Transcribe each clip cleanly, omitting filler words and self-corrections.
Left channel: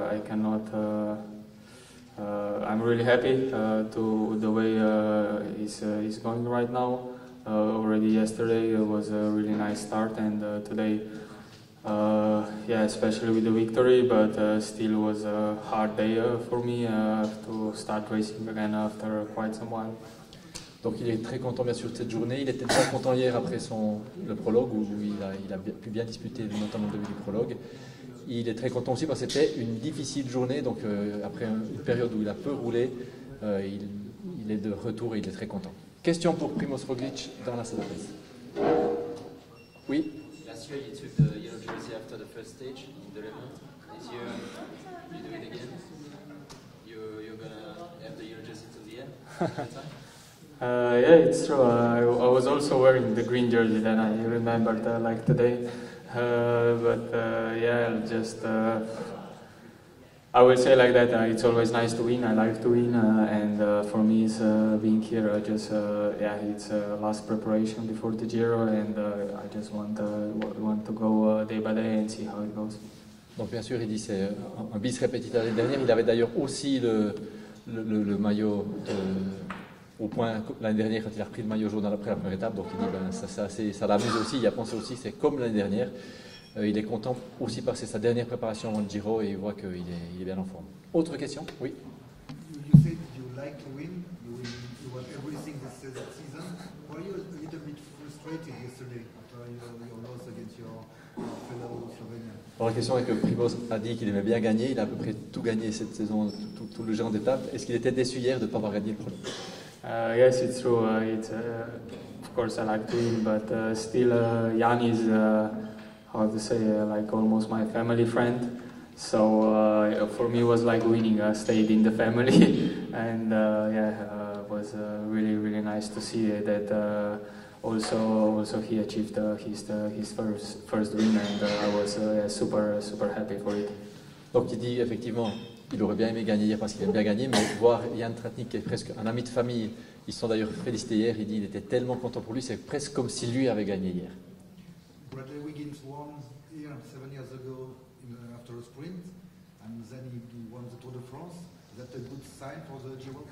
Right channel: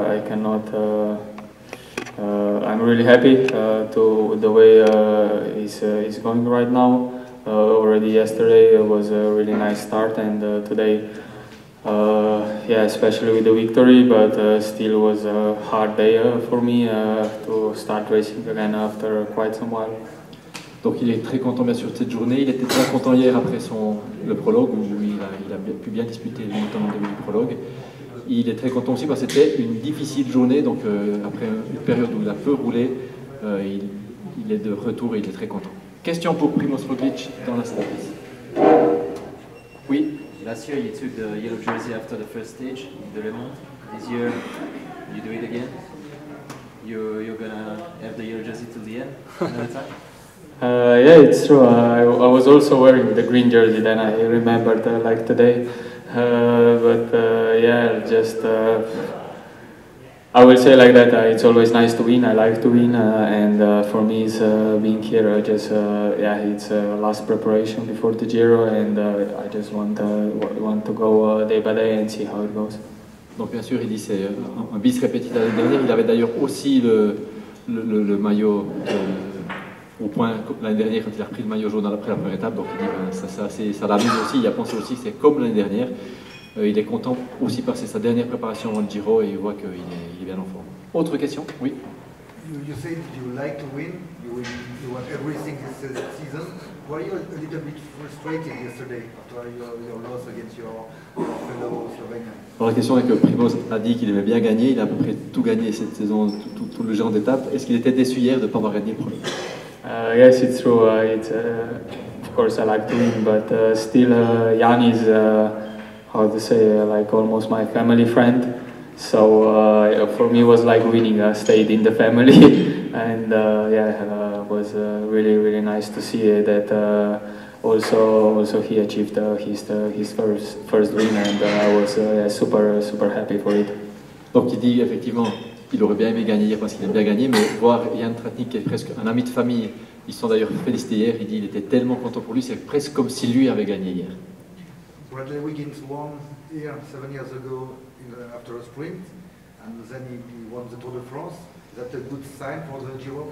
I cannot. I'm really happy to the way it's going right now. Already yesterday it was a really nice start, and today, yeah, especially with the victory, but still was a hard day for me to start racing again after quite some while. Donc il est très content bien sûr de cette journée. Il était très content hier après le prologue où il a pu bien disputer notamment le début du prologue. Il est très content aussi parce que c'était une difficile journée, donc après une période où il a peu roulé, il est de retour et il est très content. Question pour Primoz Roglic dans la salle. Oui. Last year you took the yellow jersey after the first stage in the Le Mans. This year you do it again. You're gonna have the yellow jersey till the end another time. Yeah, it's true. I was also wearing the green jersey then. I remembered like today. Yeah, just I will say like that. It's always nice to win. I like to win, and for me, it's being here. Yeah, it's last preparation before the Giro, and I just want to go day by day and see how it goes. Donc bien sûr, il dit c'est un bis répétitif l'année dernière. Il avait d'ailleurs aussi le maillot au point l'année dernière quand il a repris le maillot jaune après la première étape. Donc il dit ça l'amuse aussi. Il a pensé aussi que c'est comme l'année dernière. Il est content aussi parce que c'est sa dernière préparation avant le Giro et il voit qu'il est bien en forme. Autre question? Oui. You said you like to win. You won everything this season. Were you a little bit frustrated yesterday after your loss against your fellow Slovenian? Alors la question est que Primoz a dit qu'il aimait bien gagner. Il a à peu près tout gagné cette saison, tout le genre d'étapes. Est-ce qu'il était déçu hier de ne pas avoir gagné le premier? Yes, it's true. Of course, I like to win, but still, Jan is, how to say, like almost my family friend. So for me, it was like winning. I stayed in the family, and yeah, it was really, really nice to see that. Also, he achieved his first win, and I was super happy for it. Donc, il dit effectivement. Il aurait bien aimé gagner hier parce qu'il aime bien gagner, mais voir Jan Tratnik, qui est presque un ami de famille, ils sont d'ailleurs félicités hier, il dit qu'il était tellement content pour lui, c'est presque comme si lui avait gagné hier. Bradley Wiggins won here 7 years ago after a sprint, and then he won the Tour de France. Is that a good sign for the Giro?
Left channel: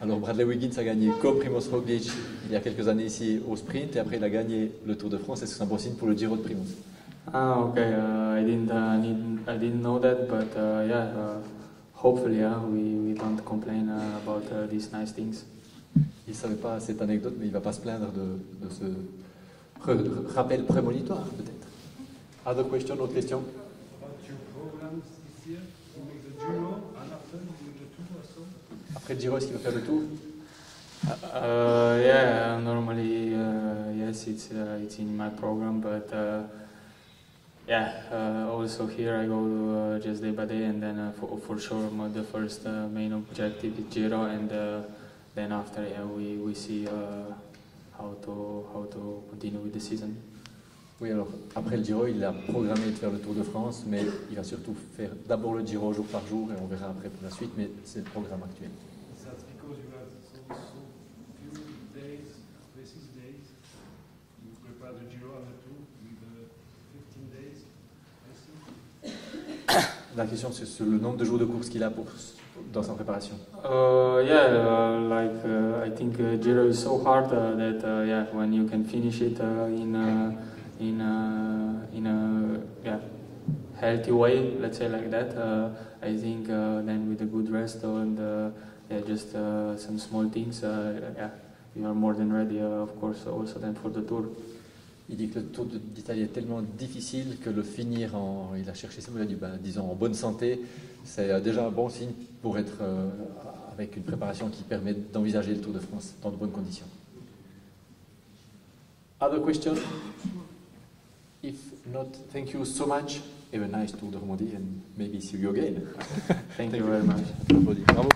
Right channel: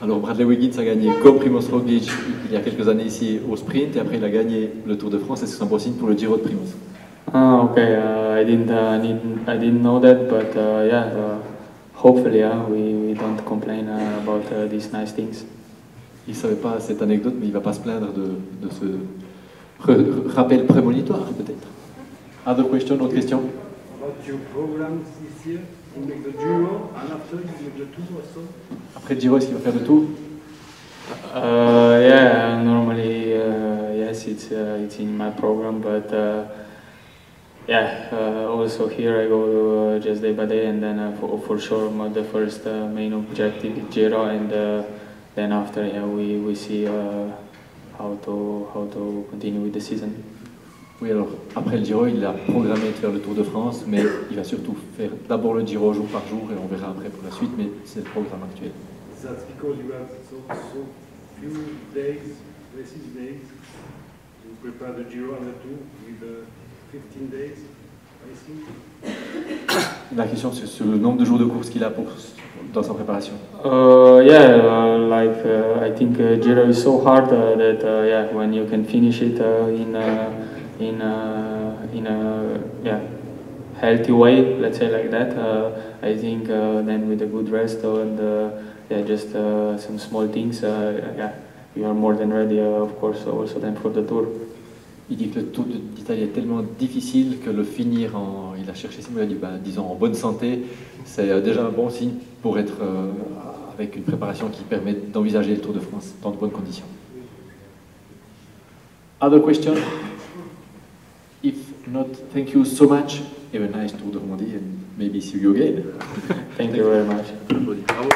Alors Bradley Wiggins a gagné comme Primoz Roglic il y a quelques années ici au sprint, et après il a gagné le Tour de France, et c'est un bon signe pour le Giro de Primoz. Ah, okay. I didn't know that, but yeah. Hopefully, we don't complain about these nice things. Il ne savait pas cette anecdote, mais il ne va pas se plaindre de ce rappel prémonitoire, peut-être. Other question, autre question? About your programs this year, you make the Giro, and after you make the Tour also? Après le Giro, est-ce qu'il va faire le Tour? Yeah, normally, yes, it's in my program, but yeah, also here I go just day by day, and then for sure the first main objective is Giro, and then after, yeah, we see how to continue with the season. Oui, alors après le Giro, il a programmé de faire le Tour de France, mais il va surtout faire d'abord le Giro jour par jour, et on verra après pour la suite, mais c'est le programme actuel. That's because you have so few days, racing days, to prepare the Giro and the Tour with 15 days racing? La question c'est sur le nombre de jours de course qu'il a dans sa préparation. Yeah, I think Giro is so hard that yeah, when you can finish it in a healthy way, let's say like that, I think then with a good rest and yeah, just some small things, yeah, you are more than ready, of course, also then for the Tour. Il dit que le Tour d'Italie est tellement difficile que le finir il a cherché il a dit, disons en bonne santé, c'est déjà un bon signe pour être avec une préparation qui permet d'envisager le Tour de France dans de bonnes conditions. Other question? If not, thank you so much. Have a nice Tour de Romandie and maybe see you again. Thank you very much. Bravo.